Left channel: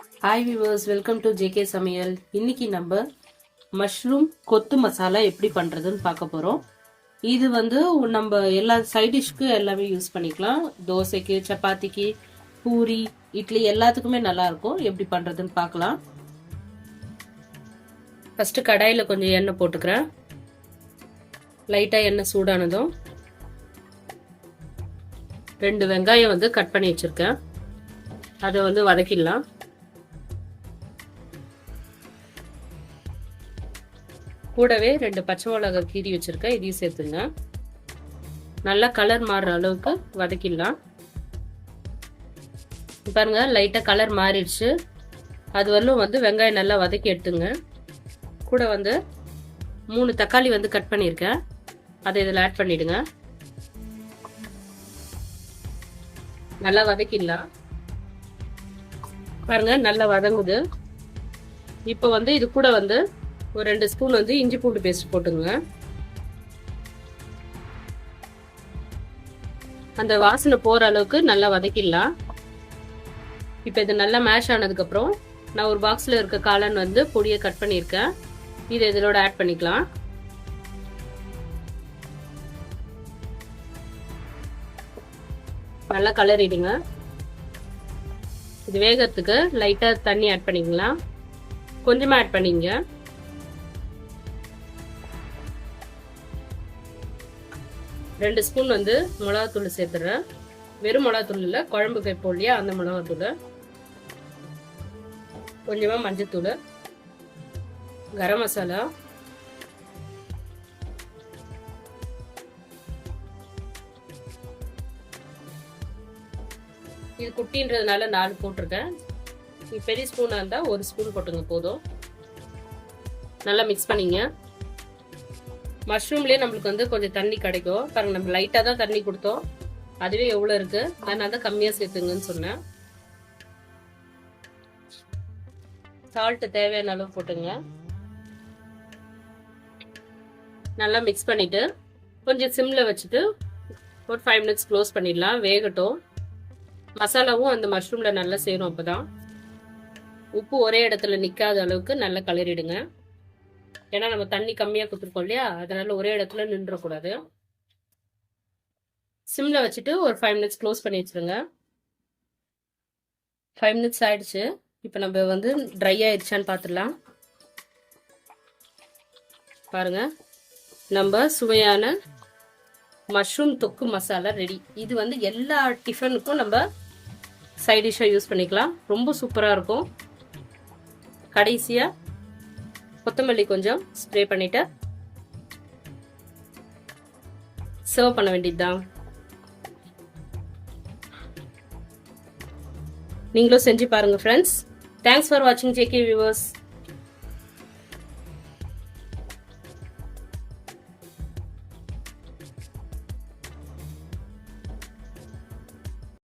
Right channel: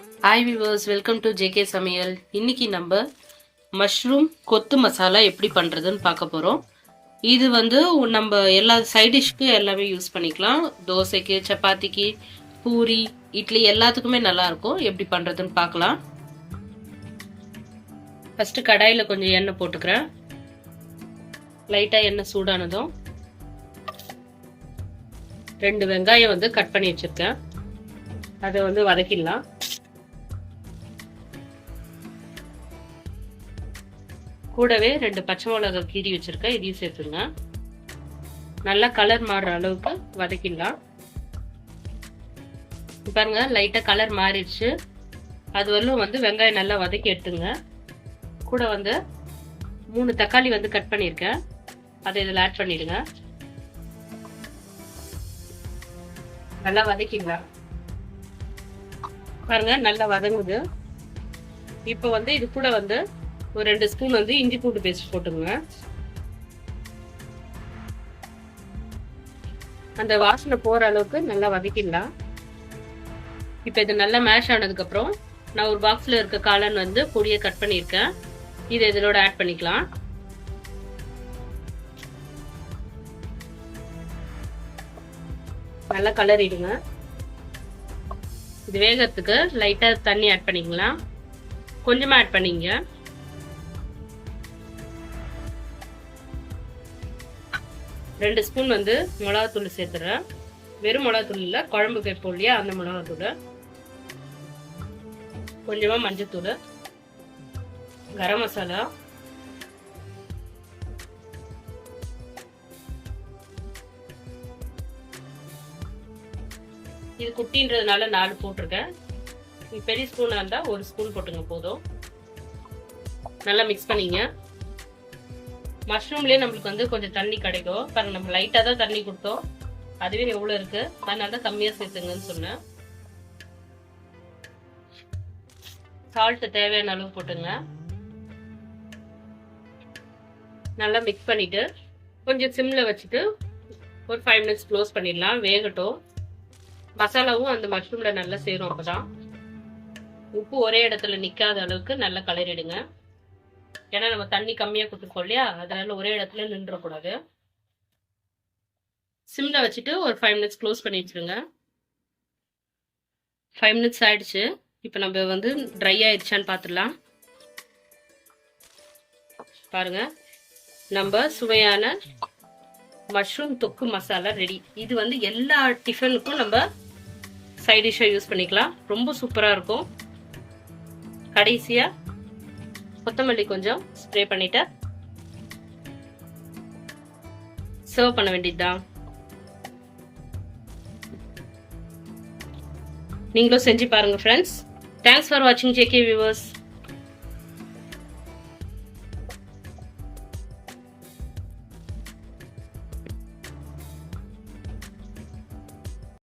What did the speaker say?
Hi viewers, welcome to JK சமையல். இன்னைக்கு நம்ம மஷ்ரூம் கொத்து மசாலா எப்படி பண்ணுறதுன்னு பார்க்க போகிறோம். இது வந்து நம்ம எல்லா சைட் டிஷ்க்கு எல்லாமே யூஸ் பண்ணிக்கலாம். தோசைக்கு, சப்பாத்திக்கு, பூரி, இட்லி எல்லாத்துக்குமே நல்லாயிருக்கும். எப்படி பண்ணுறதுன்னு பார்க்கலாம். ஃபஸ்ட்டு கடாயில் கொஞ்சம் எண்ணெய் போட்டுக்கிறேன். லைட்டாக எண்ணெய் சூடானதும் 2 வெங்காயம் வந்து கட் பண்ணி வச்சுருக்கேன். அதை வந்து வதக்கிடலாம். கூடவே 2 பச்சை மிளகாய் கீறி வச்சிருக்கேன், இதையும் சேர்த்துங்க. நல்லா கலர் மாறுற அளவுக்கு வதக்கிடலாம். பாருங்க, லைட்டாக கலர் மாறிடுச்சு. அது வரலும் வந்து வெங்காயம் நல்லா வதக்கி எடுத்துங்க. கூட வந்து 3 தக்காளி வந்து கட் பண்ணியிருக்கேன், அதை இதில் ஆட் பண்ணிடுங்க. நல்லா வதக்கிடலாம். பாருங்க, நல்லா வதங்குது. இப்போ வந்து இது கூட வந்து ஒரு 2 ஸ்பூன் வந்து இஞ்சி பூண்டு பேஸ்ட் போட்டுங்க. அந்த வாசனை போற அளவுக்கு நல்லா வதக்கிடலாம். இப்போ இது நல்லா மேஷ் ஆனதுக்கு அப்புறம் நான் ஒரு பாக்ஸ்ல இருக்க காளான் வந்து பொடியை கட் பண்ணியிருக்கேன், இது இதோட ஆட் பண்ணிக்கலாம். நல்லா கலரிடுங்க. இது வேகத்துக்கு லைட்டா தண்ணி ஆட் பண்ணிக்கலாம். கொஞ்சமா ஆட் பண்ணிங்க. ரெண்டு ஸ்பூன் வந்து மிளகாத்தூள் சேர்த்துறேன். வெறும் மிளகாத்தூள் இல்லை, குழம்பு வைப்போம் இல்லையா, அந்த மிளகாத்தூள். கொஞ்சமா மஞ்சத்தூள், கரம் மசாலா, இது குட்டின்றதுனால 4 போட்டிருக்கேன். பெரிய ஸ்பூனா இருந்தா 1 ஸ்பூன் போட்டுங்க போதும். நல்லா மிக்ஸ் பண்ணிங்க. மஷ்ரூம்லேயே நம்மளுக்கு வந்து கொஞ்சம் தண்ணி கிடைக்கும். பாருங்க, நம்ம லைட்டாக தான் தண்ணி கொடுத்தோம், அதுவே எவ்வளோ இருக்கு. நான் தான் கம்மியாக சேர்த்துங்கன்னு சொன்னேன். சால்ட் தேவையான அளவு போட்டுங்க. நல்லா மிக்ஸ் பண்ணிட்டு கொஞ்சம் சிம்ல வச்சுட்டு ஒரு 5 மினிட்ஸ் க்ளோஸ் பண்ணிடலாம். வேகட்டும். மசாலாவும் அந்த மஷ்ரூம்ல நல்லா சேரும். அப்பதான் உப்பு ஒரே இடத்துல நிக்காத அளவுக்கு நல்லா கலரிடுங்க. ஏன்னா நம்ம தண்ணி கம்மியா கொடுத்துருக்கோம் இல்லையா, அதனால ஒரே இடத்துல நின்றக்கூடாது. சிம்ல வச்சுட்டு ஒரு 5 மினிட்ஸ் க்ளோஸ் பண்ணி வச்சிருங்க. 5 மினிட்ஸ் ஆயிடுச்சு. இப்போ நம்ம வந்து ட்ரை ஆயிடுச்சான்னு பார்த்துடலாம். பாருங்க, நம்ம சுவையான மஷ்ரூம் தொக்கு மசாலா ரெடி. இது வந்து எல்லா டிஃபனுக்கும் நம்ம சைட் டிஷ்ஷாக யூஸ் பண்ணிக்கலாம். ரொம்ப சூப்பராக இருக்கும். கடைசியா கொத்தமல்லி கொஞ்சம் ஸ்ப்ரே பண்ணிட்டு சர்வ் பண்ண வேண்டியதுதான். நீங்களும் செஞ்சு பாருங்க ஃப்ரெண்ட்ஸ். தேங்க்ஸ் ஃபார் வாட்சிங் ஜேகே வியூவர்ஸ்.